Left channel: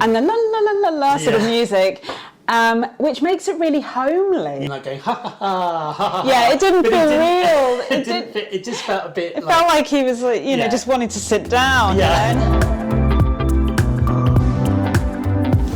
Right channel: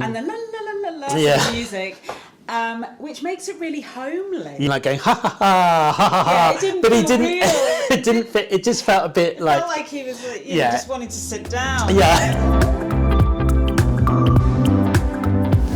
And the la la la la la sort of music, which makes it really homely. You're like going ha ha ha ha ha. Yeah, it didn't feel real. It didn't fit. It just felt a bit It like. felt like he was, you know, just wanting to sit down. Yeah.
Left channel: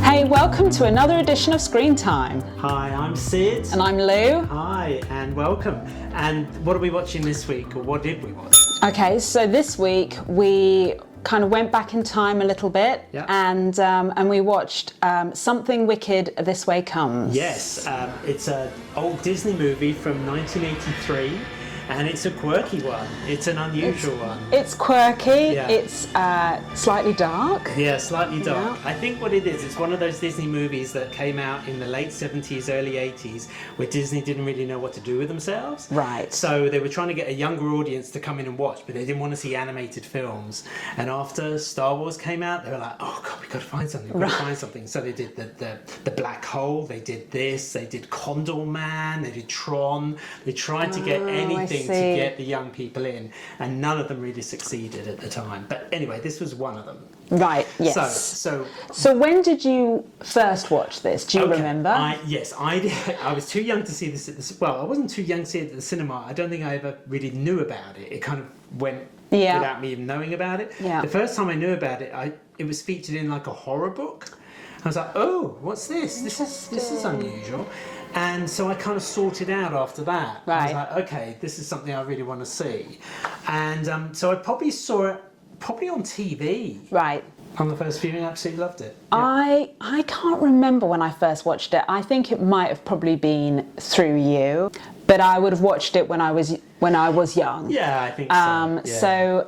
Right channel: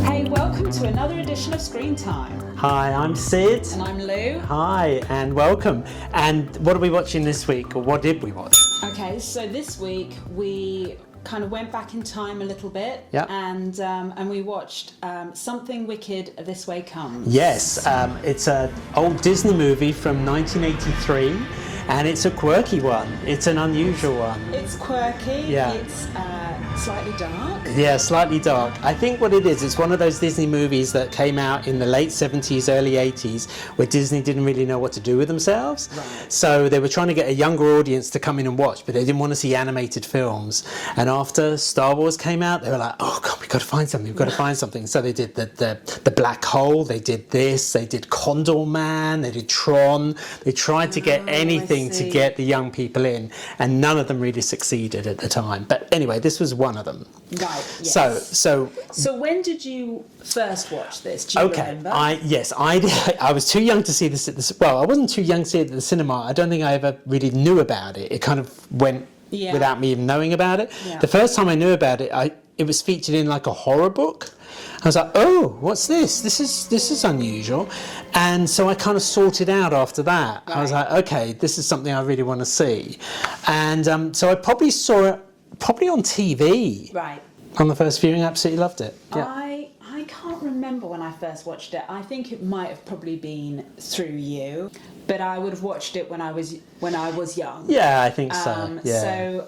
Hey, welcome to another edition of Screen Time. Hi, I'm Sid. And I'm Lou. Hi, and welcome. And what are we watching this week, or what did we watch? Okay, so this week we kind of went back in time a little bit, and we watched Something Wicked This Way Comes. Yes, it's an old Disney movie from 1983, and it's a quirky one. It's an unusual one. It's quirky. Yeah. It's slightly dark. Yeah, slightly dark. Yeah. I think what it is, it's one of those Disney movies that came out in the late 70s, early 80s, where Disney didn't really know what to do with themselves. Right. So they were trying to get a younger audience to come in and watch, but they didn't want to see animated films. And after Star Wars came out, they were like, oh God, we've got to find something, we've got to find something. So they did the Black Hole, they did this, they did Condor Man, they did Tron. They tried to get anything to get the young people in, and none of them really succeeded at the time. But anyway, this was one of them. Right. Yes. So when did you first watch this? Do you remember? I did. I was too young to see this at the. Well, I wasn't too young to see it at the cinema. I don't think I ever really knew about it. It kind of went without me even knowing about it. Yeah. The first time I knew about it, it was featured in like a horror book. I was like, oh, what's this? This is unusual. And so I kind of sorted out after that. Right. I was like, okay, this is something I really want to see. And so I probably saw it on TV. Right. On the first viewing, absolutely loved it. Yeah. I can't remember when I first watched it. I think it might have probably been through you, but I would have watched it when I was young. Yeah, I think so. Yeah. So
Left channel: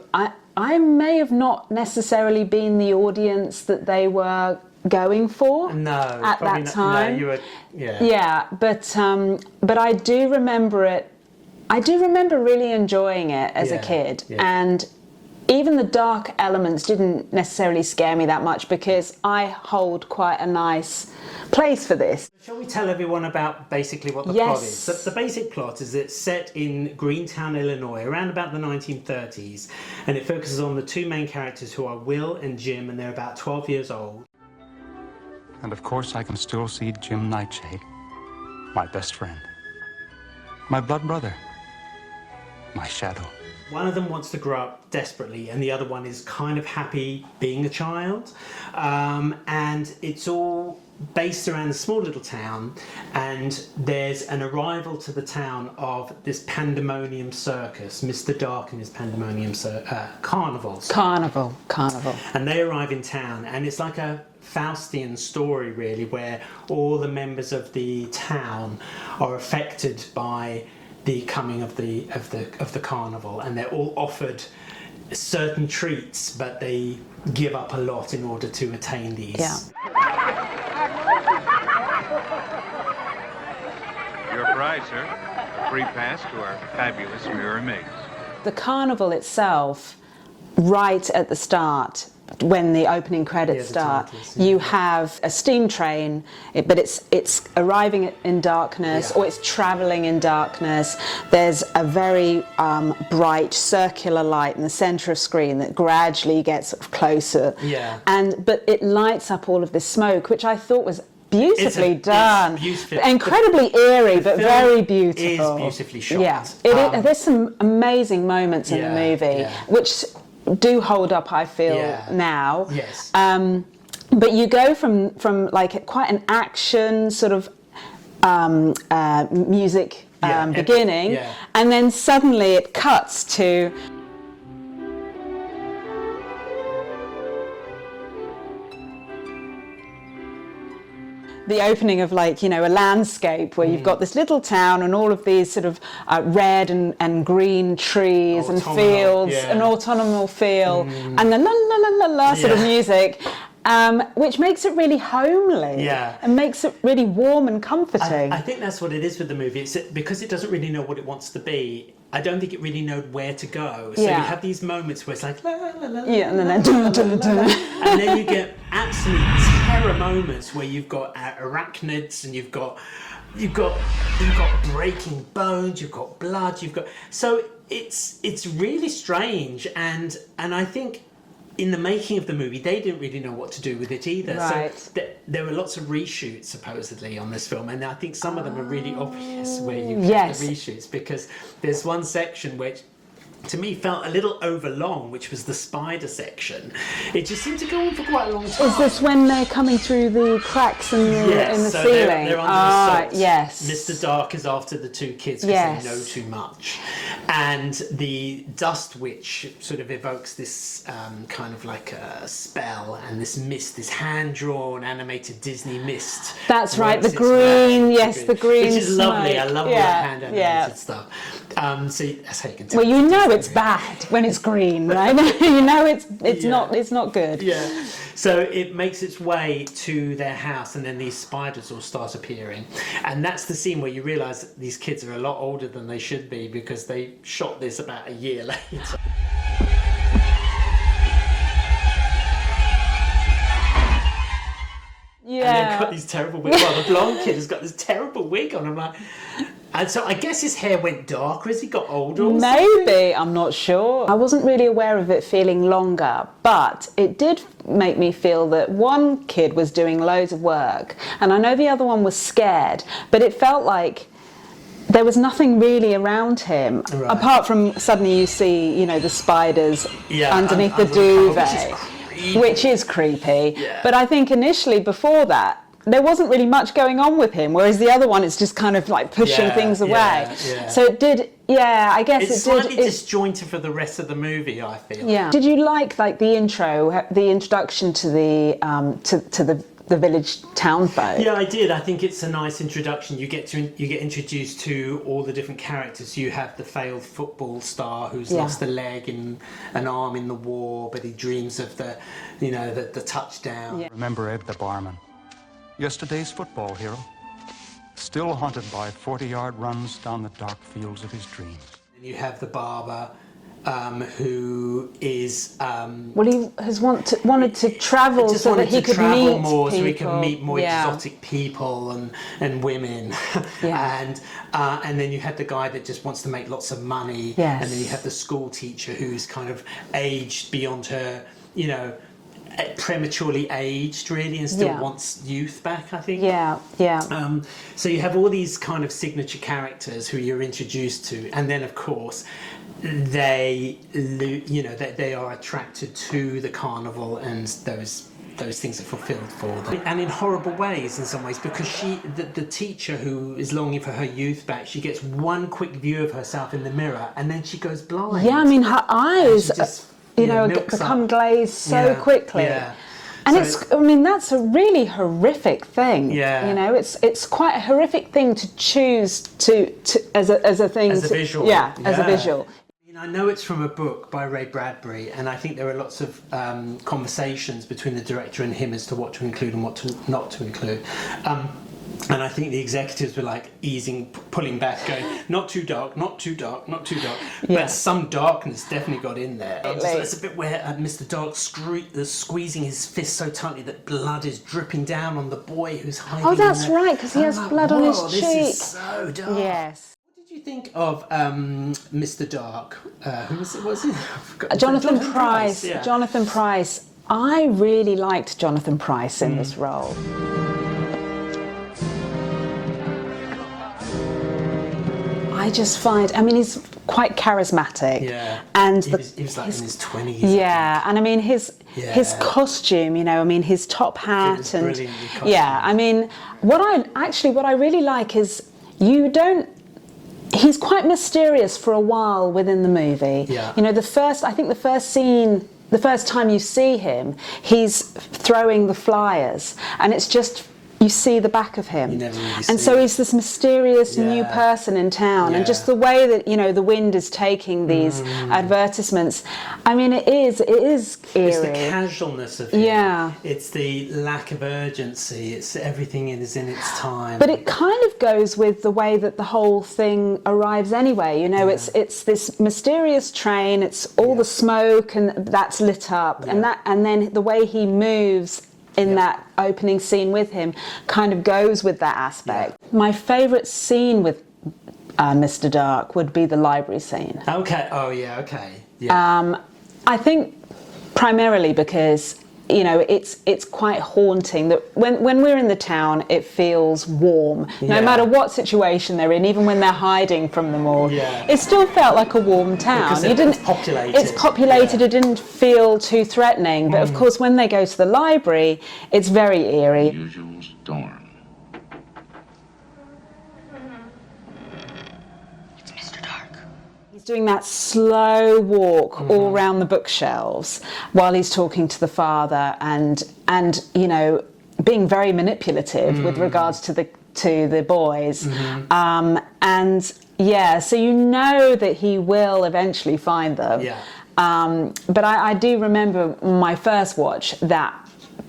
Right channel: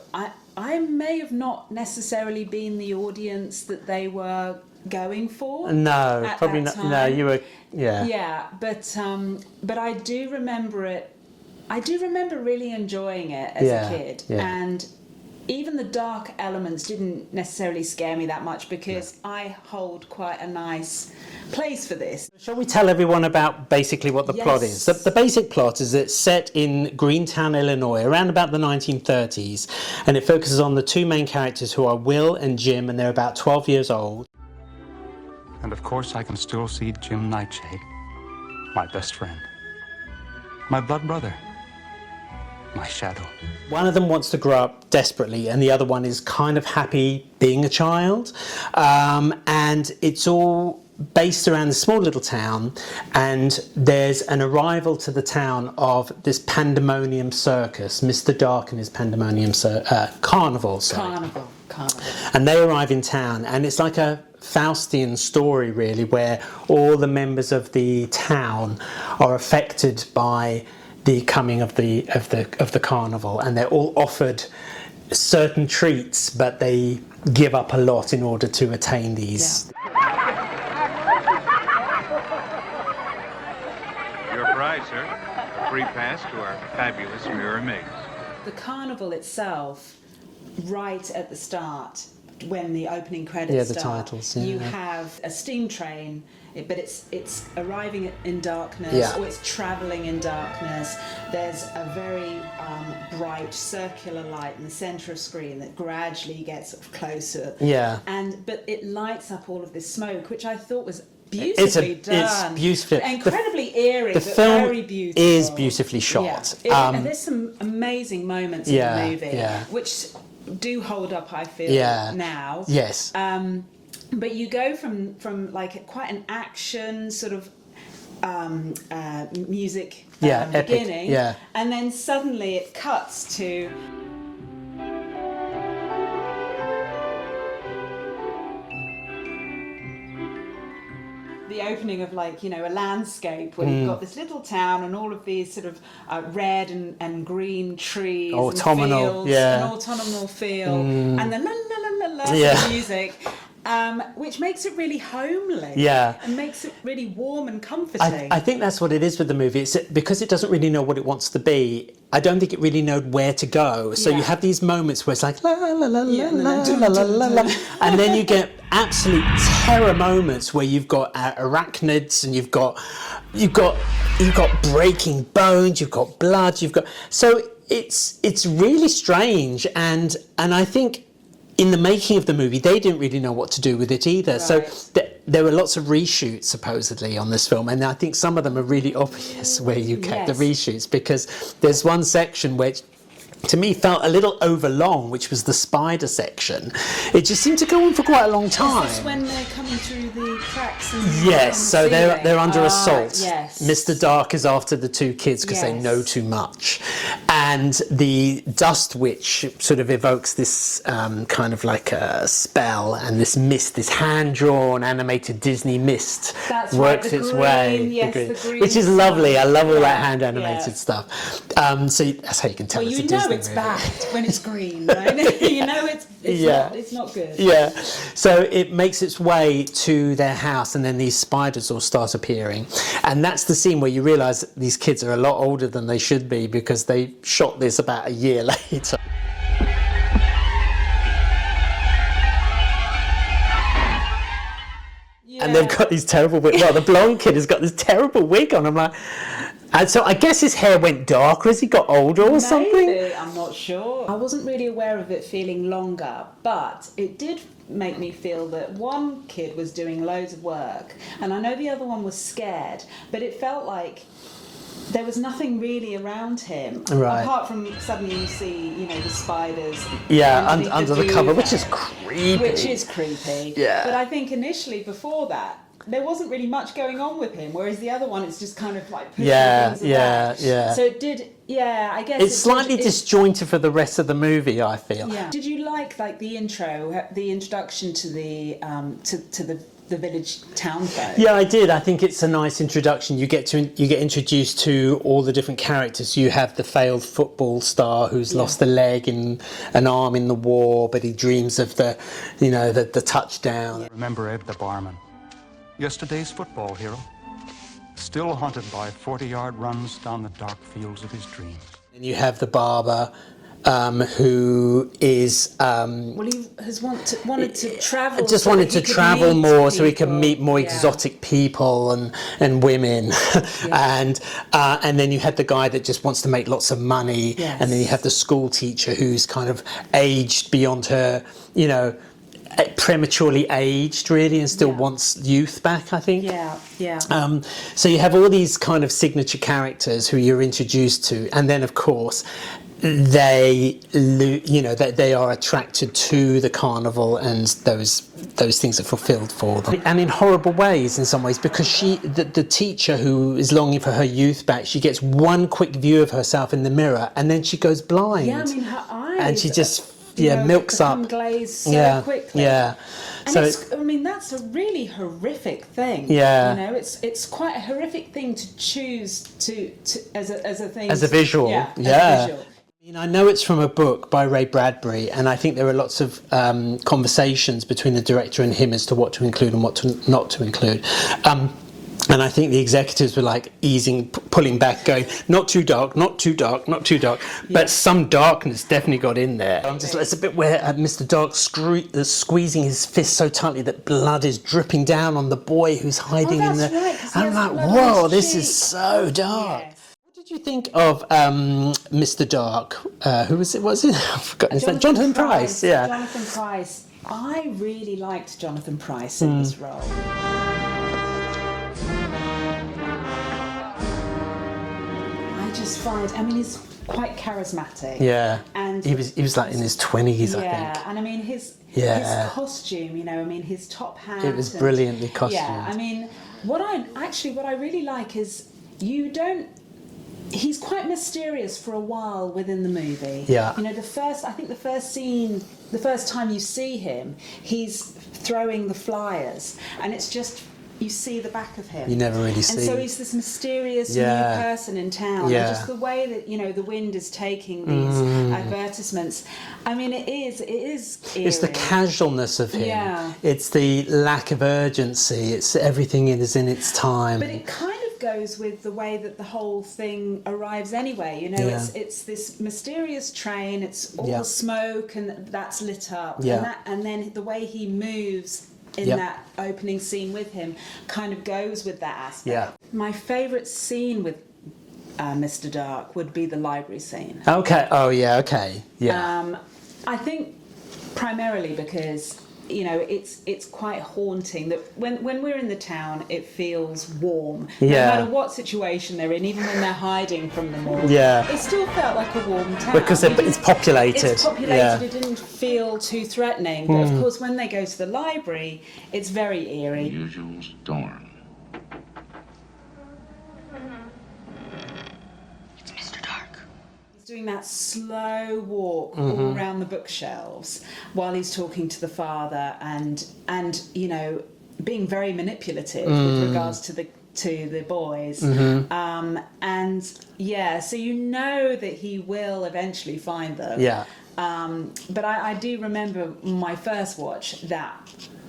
I may have not necessarily been the audience that they were going for. No, at probably that not. time. No, you were. Yeah. Yeah, but I do remember it. I do remember really enjoying it as a kid, and even the dark elements didn't necessarily scare me that much because I hold quite a nice place for this. Shall we tell everyone about basically what the plot is? The basic plot is it's set in Greentown, Illinois, around about the 1930s, and it focuses on the two main characters who are Will and Jim, and they're about 12 years old. And of course I can still see Jim Nightshade, my best friend, my blood brother, my shadow. One of them wants to grow up desperately, and the other one is kind of happy being a child. And it's all based around a small little town, and there's an arrival to the town of this pandemonium circus, Mr. Dark and his pandemonium carnival. Carnival. And they arrive in town, and it's like a Faustian story, really, where all the members of the town are affected by the coming of the carnival, and they're all offered certain treats, but they give up a lot in order to attain these. Your prize, sir. A free pass to our fabulous mirror maze. The carnival itself, right at the start, when the opening credits start, you have a steam train, but it's arriving in darkness, or it's travelling in darkness. There's a very bright circular light in the centre of screen that gradually gets sort of closer. Yeah. But it lights up all of this smoke, which I thought was beautifully done. It's beautiful. Incredibly eerie, but very beautiful. Is beautifully shot. Yeah. There's some amazing moments in the movie, which do hold up, I feel, now. Yes. But you go from like quite an action sort of music beginning, and then suddenly it cuts to the opening of, like, you know, a landscape where you've got this little town and all of these sort of red and green trees and fields, an autumnal feel, and the la la la la la sort of music, which makes it really homely and makes it really warm and comforting. I think that's what it is with the movie. It's because it doesn't really know what it wants to be. I don't think it really knows where to go. So you have these moments where it's like la la la la la, and then you get absolute terror moments where you've got arachnids, and you've got breaking bones, you've got blood, so it's really strange, and I think in the making of the movie, they didn't really know what to do with it either. Right. So there were lots of reshoots supposedly on this film, and I think some of them are really obvious where you get the reshoots, because there's one section which to me felt a little overlong, which was the spider section. It just seemed to go on for quite a long time. Is this when they're coming through the cracks in the Yes, so ceiling? they're under assault. Yes. Mr. Dark is after the two kids because they know too much. And the Dust Witch sort of evokes this kind of like a spell, and this mist, this hand-drawn animated Disney mist. That's right, the green, the green. Which is lovely. I love all that hand-animated stuff. So that's how you can tell. Well, you know it's bad when it's green, right? You know it's not good. Yeah. So it makes its way to their house, and then these spiders all start appearing, and that's the scene where you realise that these kids are a lot older than they should be, because they shot this about a year later. And they've got these terrible wigs. Well, the blonde kid has got this terrible wig on. I'm like, and so I guess his hair went darker as he got older or something? Maybe, I'm not sure. I wasn't really aware of it feeling longer, but it did make me feel that one kid was doing loads of work, and I know the other one was scared, but it felt like there was nothing really around him, apart from suddenly you see, the spiders underneath under the cover, duvet. Which is creepy. Yeah. But I think initially, before that, there wasn't really much going on with him, whereas the other one, it's just kind of like pushing things away. Yeah. So it did, I guess it's slightly disjointed for the rest of the movie, I feel. Yeah. Did you like the intro, the introduction to the village town folk? Yeah, I did. I think it's a nice introduction. You get introduced to all the different characters. You have the failed football star who's lost a leg and an arm in the war, but he dreams of the touchdown. Yeah. Remember Ed the barman, yesterday's football hero, still haunted by 40-yard runs down the dark fields of his dreams. And you have the barber, who is he has wanted to travel. Just so wanted that he to could travel meet more, people. so he can meet more exotic people and women, and then you had the guy that just wants to make lots of money, and then you have the school teacher who's kind of aged beyond her, prematurely aged really, and still wants youth back, I think. So you have all these kind of signature characters who you're introduced to, and then of course they are attracted to the carnival, and those things are fulfilled for them, and in horrible ways in some ways, because the teacher who is longing for her youth back, she gets one quick view of herself in the mirror and then she goes blind. I mean, her eyes, and she just milks become up, glazed so quickly. And so, that's a really horrific thing. It's quite a horrific thing to choose to as a thing. As a visual. As a visual. I know it's from a book by Ray Bradbury, and I think there are lots of conversations between the director and him as to what to include and what not to include. And I think the executives were like pulling back, going, not too dark, not too dark, not too dark. But some darkness definitely got in there. It's a bit where Mr. Dark squeezing his fist so tightly that blood is dripping down on the boy who's hiding in there. Oh, that's right, because he has blood on his cheek. This is so dark. Yes. What did you think of Mr. Dark? Who was it? I've forgotten. Jonathan Pryce. Yeah. Jonathan Pryce. I really liked Jonathan Pryce in this role. I just find, he's quite charismatic. Yeah. And he was like in his 20s. Yeah, and his costume, his top hat. It was brilliantly costumed. Yeah, what I really like is he's quite mysterious for a while within the movie. Yeah. The first time you see him, he's throwing the flyers, and it's just, you see the back of him. You never really see And so he's this mysterious new person in town, and just the way that, the wind is taking these advertisements. It is eerie. It's the casualness of him. Yeah. It's the lack of urgency. It's everything is in its time. But it kind of goes with the way that the whole thing arrives anyway. It's this mysterious train. It's all the smoke and that's lit up, and then the way he moves in that opening scene with him kind of goes with that aspect. My favourite scene with Mr. Dark would be the library scene. Okay. Oh yeah. Okay. Yeah. I think primarily because, you know, it's quite haunting that when we're in the town, it feels warm. No matter what situation they're in, even when they're hiding from them all. Yeah. It still felt like a warm town. Because it's populated. It's populated. It didn't feel too threatening. But of course, when they go to the library, it's very eerie. Usual storm. It's Mr. Dark. He's doing that slow walk all around the bookshelves while he's talking to the father, and you know, being very manipulative with regards to the boys. And yeah, so you know that he will eventually find them. Yeah. But I do remember my first watch, that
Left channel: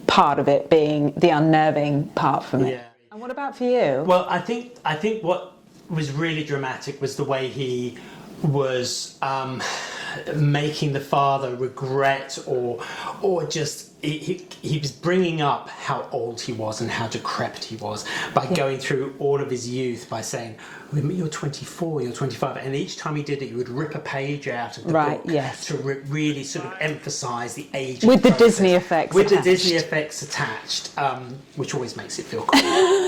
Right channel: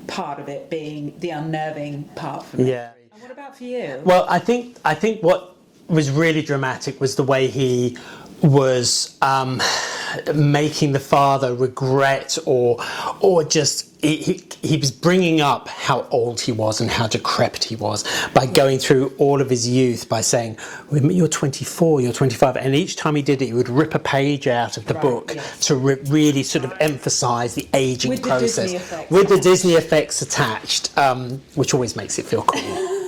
part of it being the unnerving part for me. Yeah. And what about for you? Well, I think what was really dramatic was the way he was making the father regret or just he was bringing up how old he was and how decrepit he was by going through all of his youth by saying, you're 24, you're 25, and each time he did it he would rip a page out of the book to really sort of emphasise the aging with process. the Disney effects with attached. the Disney effects attached, which always makes it feel cool.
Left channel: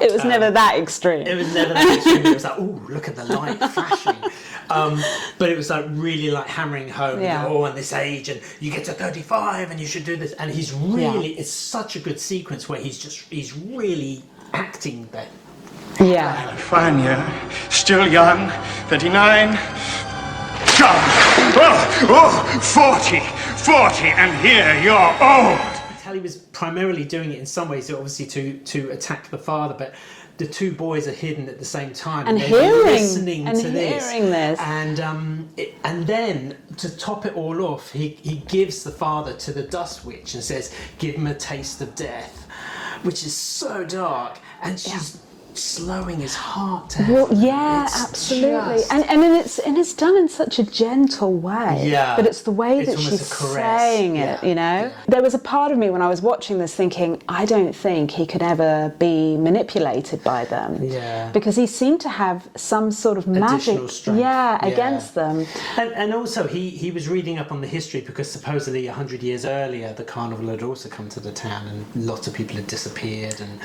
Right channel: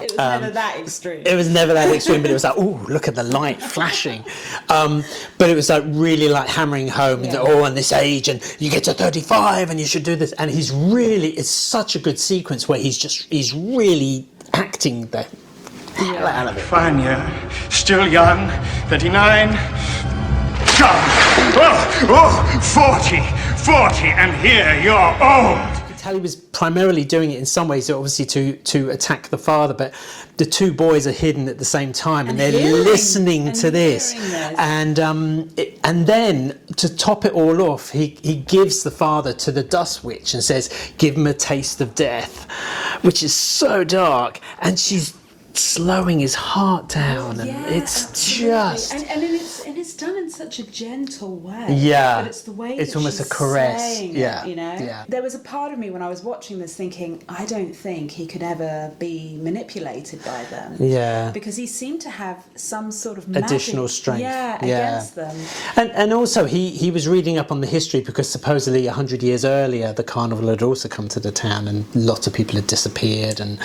It was never that extreme. It was never that extreme, but it was like, oh, look at the light flashing. But it was like really like hammering home, and this age, and you get to 35 and you should do this. And he's really, it's such a good sequence where he's really acting that. Yeah. Fine, you're still young, 39. Oh, 40, and here you're old. He was primarily doing it in some ways, obviously to attack the father, but the two boys are hidden at the same time, and they're listening to this. And then to top it all off, he gives the father to the Dust Witch and says, "Give him a taste of death," which is so dark, and she's slowing his heart down. Well, yeah, absolutely. And it's done in such a gentle way. Yeah. But it's the way that she's saying it, you know? Yeah. There was a part of me when I was watching this thinking, I don't think he could ever be manipulated by them. Yeah. Because he seemed to have some sort of additional magic strength. against them. And also he was reading up on the history because supposedly 100 years earlier the carnival had also come to the town and lots of people had disappeared, and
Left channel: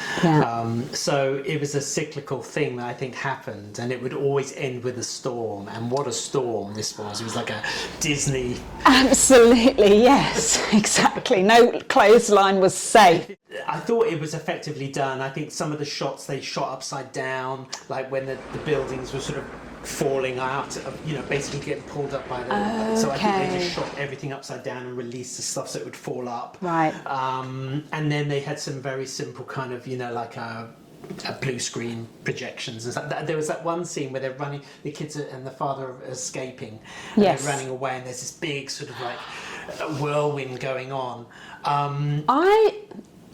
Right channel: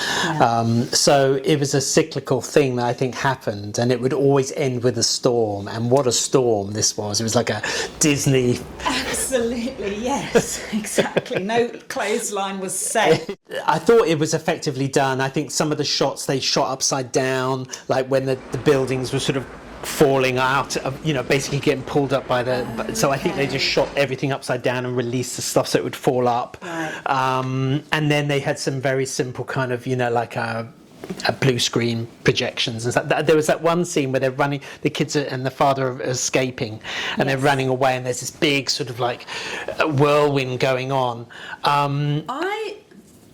so it was a cyclical thing that I think happened, and it would always end with a storm, and what a storm this was. It was like a Disney. Absolutely, yes, exactly. No clothesline was safe. I thought it was effectively done. I think some of the shots they shot upside down, like when the buildings were sort of falling out, basically getting pulled up by the. So I think they just shot everything upside down and released the stuff so it would fall up. Right. And then they had some very simple kind of, like a blue screen projections and stuff. There was that one scene where they're running, the kids and the father are escaping, and they're running away, and there's this big sort of like whirlwind going on. I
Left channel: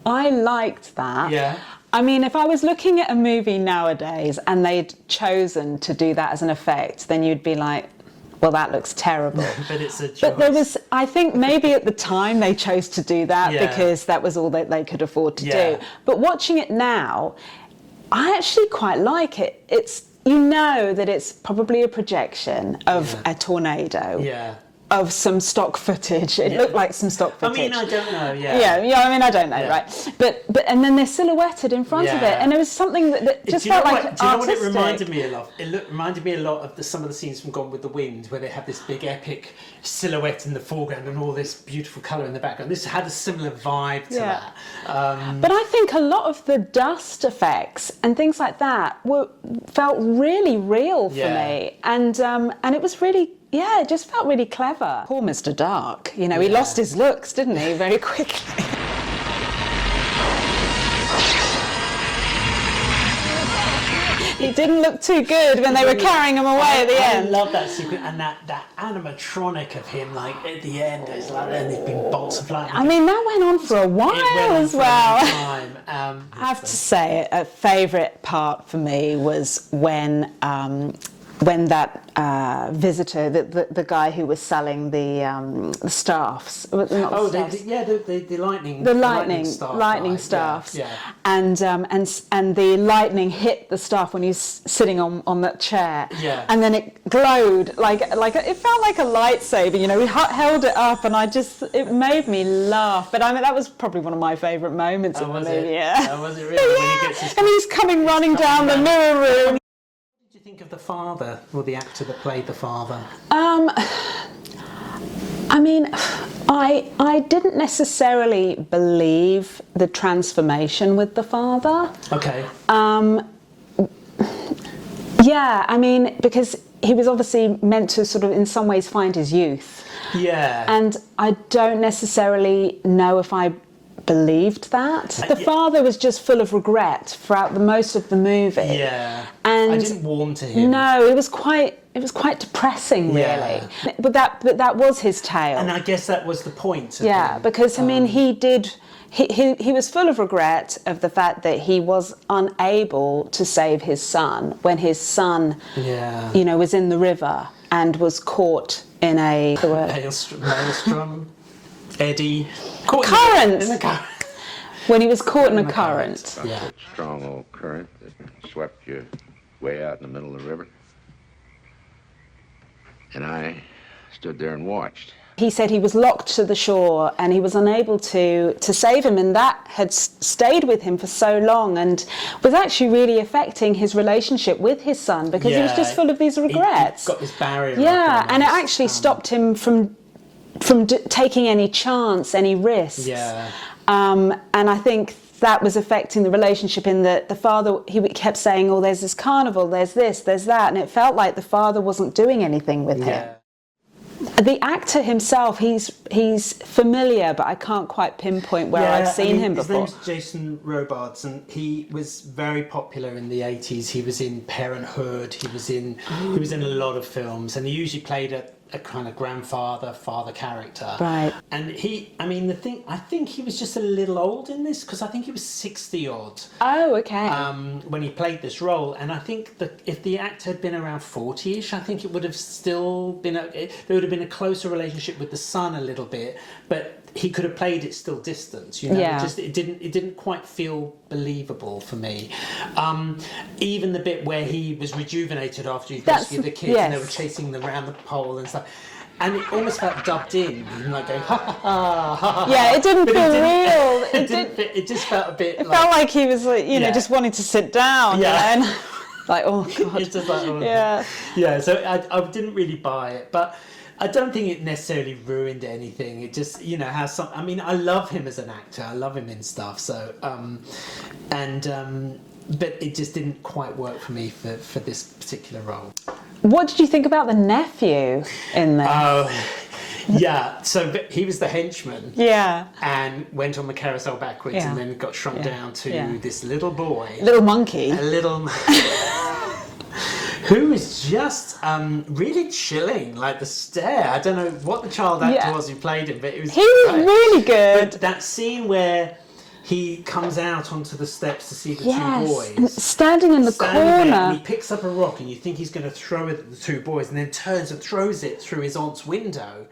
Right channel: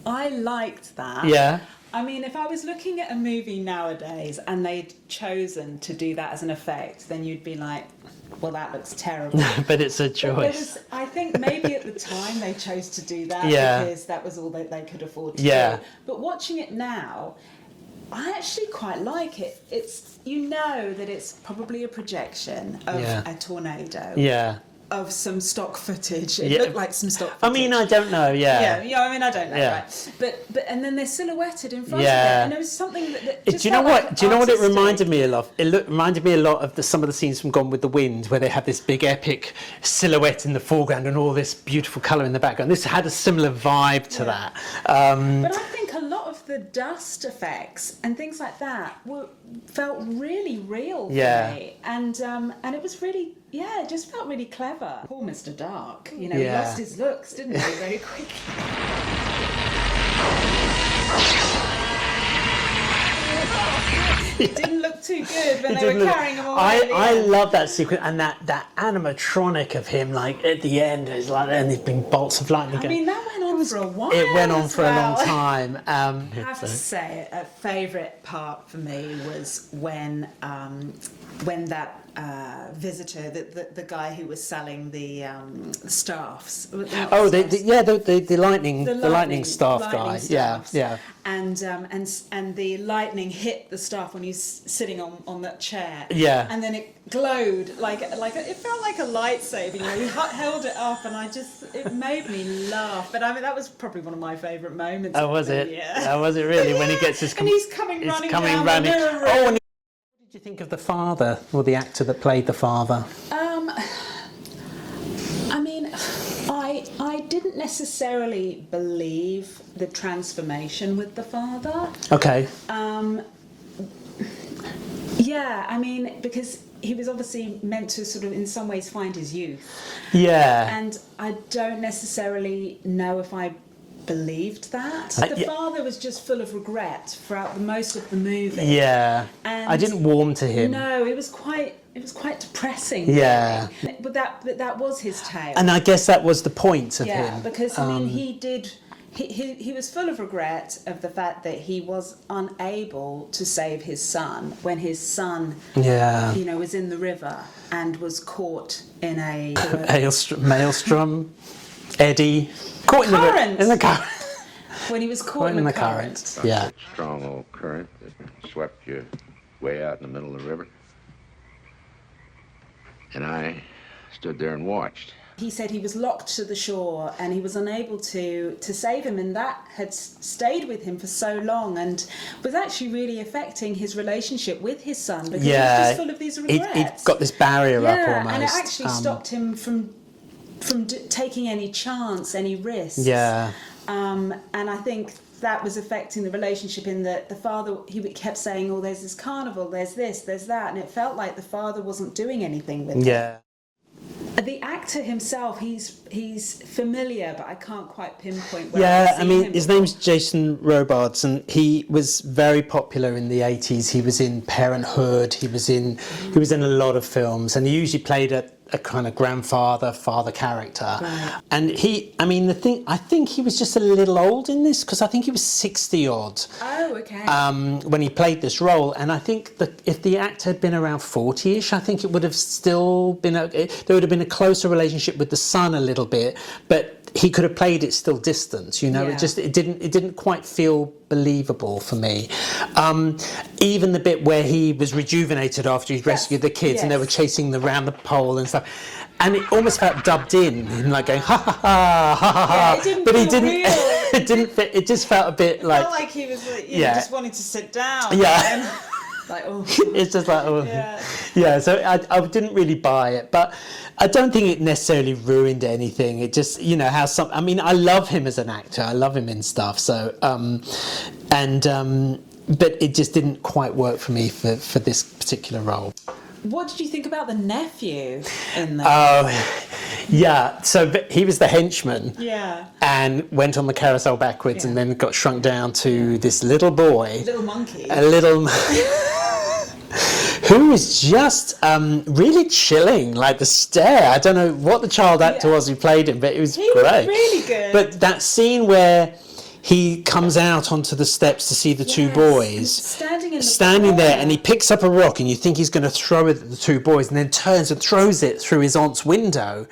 liked that. Yeah. I mean, if I was looking at a movie nowadays and they'd chosen to do that as an effect, then you'd be like, well, that looks terrible. But it's a choice. But I think maybe at the time they chose to do that because that was all that they could afford to do. But watching it now, I actually quite like it. It's, that it's probably a projection of a tornado. Yeah. Of some stock footage. It looked like some stock footage. I mean, I don't know, I don't know, right? But and then they're silhouetted in front of it, and there was something that just felt like Do you know what it reminded me of? It reminded me a lot of some of the scenes from Gone with the Wind, where they have this big epic silhouette in the foreground and all this beautiful colour in the background. This had a similar vibe to that. But I think a lot of the dust effects and things like that felt really real for me, and it was really. Yeah, it just felt really clever. Poor Mr. Dark. He lost his looks, didn't he, very quickly. He didn't look too good when they were carrying him away at the end. I love that sequence, and that animatronic of him, like at the end, is like, and these big bolts of light. I mean, that went on for a while. It went on for a long time. I have to say, a favourite part for me was when when that visitor, the guy who was selling the staffs. The lightning staff. Yeah. And the lightning hit the staff when he was sitting on that chair. Yeah. And then it glowed like it felt like a lightsaber. You know, he held it up, and it made me laugh. But I mean, that was probably one of my favourite moments. Oh, was it? Yeah. Oh, was it really? Yeah. When he gets his... And he's running down the mirror room. What did you think of the father, or the actor that played the father? I mean, I didn't necessarily believe the transformation with the father. Okay. Yeah, I mean, because he was obviously meant to sort of in some ways find his youth. Yeah. And I don't necessarily know if I believed that. The father was just full of regret throughout the most of the movie. Yeah. And I didn't warm to him. No, it was quite depressing, Yeah. really. But that was his tale. And I guess that was the point of him. Because I mean, he was full of regret of the fact that he was unable to save his son when his son, you know, was in the river and was caught in a maelstrom, eddy, current. In the current. When he was caught in a current. Yeah. That strong old current that swept you way out in the middle of the river. And I stood there and watched. He said he was locked to the shore and he was unable to save him, and that had stayed with him for so long and was actually really affecting his relationship with his son because he was just full of these regrets. He'd got this barrier up almost. And it actually stopped him from taking any chance, any risks. Yeah. And I think that was affecting the relationship in that the father, he kept saying, oh, there's this carnival, there's this, there's that, and it felt like the father wasn't doing anything with him. The actor himself, he's familiar, but I can't quite pinpoint where I've seen him before. His name's Jason Robards, and he was very popular in the 80s. He was in Parenthood. He was in a lot of films, and he usually played a kind of father character. Right. And I think he was just a little old in this, because I think he was 60 odd. Oh, okay. When he played this role, and I think that if the actor had been around 40ish, I think it would have still been there would have been a closer relationship with the son a little bit, but he could have played it still distant, you know. Yeah. It didn't quite feel believable for me. Even the bit where he was rejuvenated after he'd rescued the kids and they were chasing around the pole and stuff, and it almost felt dubbed in, like going ha ha ha ha ha. Yeah, it didn't feel real. It didn't fit. It just felt a bit. It felt like he was, you know, just wanting to sit down. Yeah. And, like, oh. It's just like, oh. Yeah. Yeah. So I didn't really buy it, but I don't think it necessarily ruined anything. It just, you know, how some. I mean, I love him as an actor. I love him in stuff. So, but it just didn't quite work for me for this particular role. What did you think about the nephew in there? Oh, yeah. So he was the henchman. Yeah. And went on the carousel backwards and then got shrunk down to this little boy. Little monkey. A little... who was just really chilling, like the stare. I don't know what the child actor was who played him, but it was He great. was really good. But that scene where he comes out onto the steps to see the two boys. And standing in the standing corner. there, and he picks up a rock, and you think he's going to throw it at the two boys, and then turns and throws it through his aunt's window.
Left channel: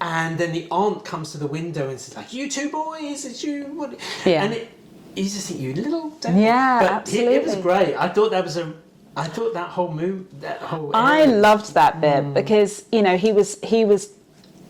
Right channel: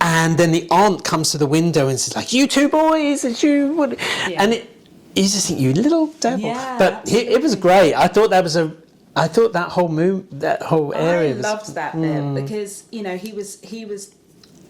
And then the aunt comes to the window and says, like, you two boys, and you would... Yeah. And you just think, you little devil. Yeah, but it was great. I thought that whole area... I loved that bit because, you know, he was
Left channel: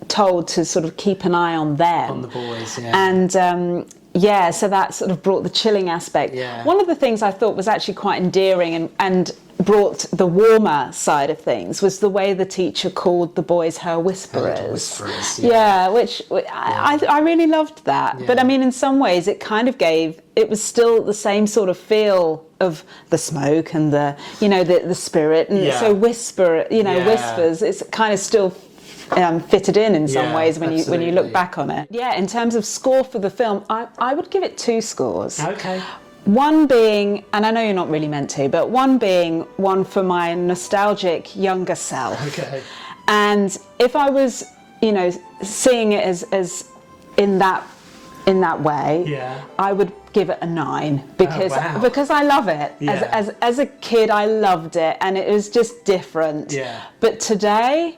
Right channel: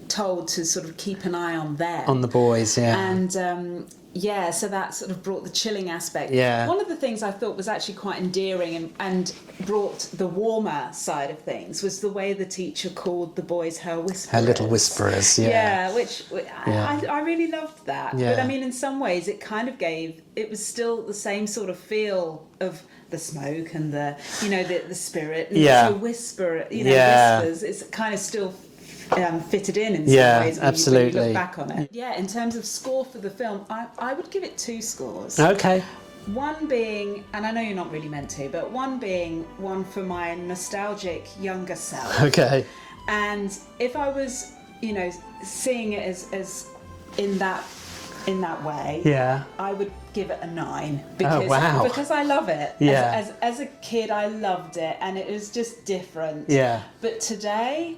told to sort of keep an eye on them. On the boys, yeah. And, so that sort of brought the chilling aspect. Yeah. One of the things I thought was actually quite endearing and brought the warmer side of things was the way the teacher called the boys her whisperers. Her little whisperers, yeah. Yeah, which I really loved that. Yeah. But I mean, in some ways, it kind of it was still the same sort of feel of the smoke and the, you know, the spirit. And so whispers, it's kind of still fitted in some ways when you look back on it. Yeah, in terms of score for the film, I would give it 2 scores. Okay. One being, and I know you're not really meant to, but one being one for my nostalgic younger self. Okay. And if I was, you know, seeing it as in that way, Yeah. I would give it a 9 because wow. because I love it. Yeah. As a kid, I loved it, and it was just different. Yeah. But today,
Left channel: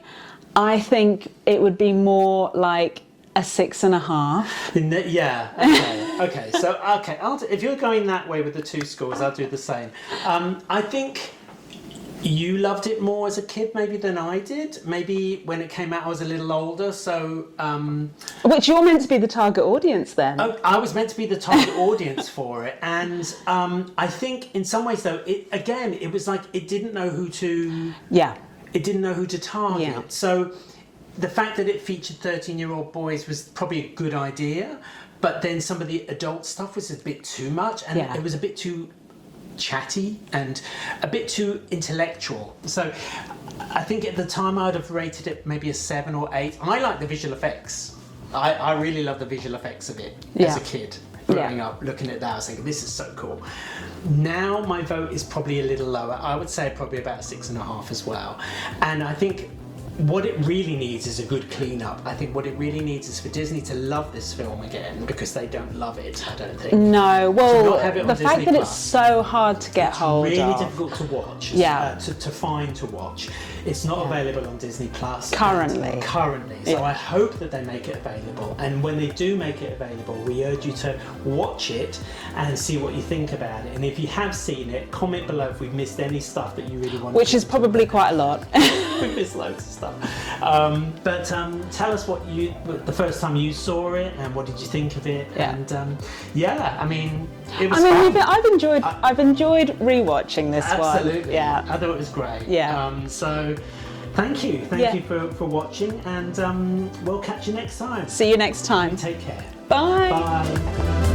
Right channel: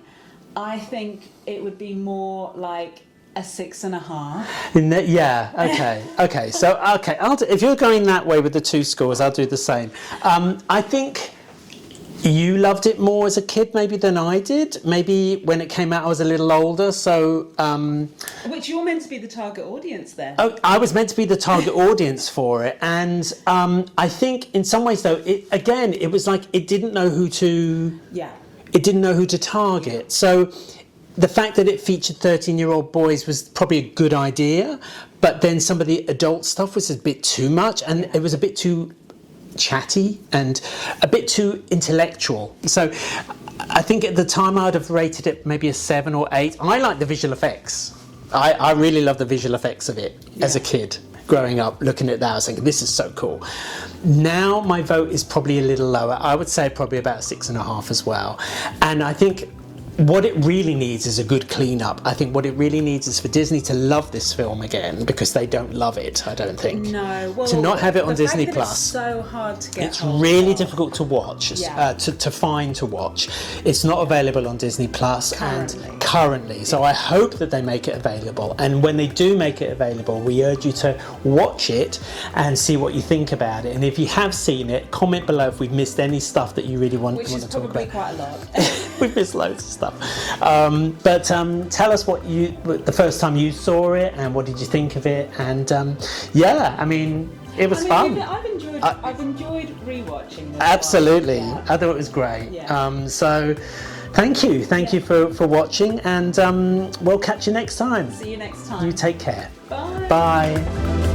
I think it would be more like a 6.5. Okay. So if you're going that way with the 2 scores, I'll do the same. I think you loved it more as a kid maybe than I did. Maybe when it came out I was a little older, so... Which you're meant to be the target audience then. Oh, I was meant to be the target audience for it, and I think in some ways though, it was like it didn't know who to... Yeah. It didn't know who to target. Yeah. So the fact that it featured 13-year-old boys was probably a good idea, but then some of the adult stuff was a bit too much, and it was a bit too chatty and a bit too intellectual. So I think at the time I would have rated it maybe a 7 or 8. I like the visual effects. I really love the visual effects of it as a kid. Growing up, looking at that, I was thinking, this is so cool. Now my vote is probably a little lower. I would say probably about 6.5 as well. And I think what it really needs is a good clean-up. I think what it really needs is for Disney to love this film again, because they don't love it, I don't think. No, well, to not have it on Disney the fact that Plus. it's so hard to get hold of. It's really difficult to watch, to find to watch. It's not available on Disney Plus currently. So I hope that they make it available. And when they do make it available, we urge you to watch it and see what you think about it. And if you have seen it, comment below if we've missed any stuff that you really want. Which is probably quite a lot. We've missed loads of stuff. But tell us what the first time you saw it, and what did you think of it? And I mean, it was fun. I've enjoyed rewatching this. Absolutely, one. Yeah. I thought it was great. Yeah. So, thank you for watching, and we'll catch you next time. See you next time. You take care. Bye. Bye.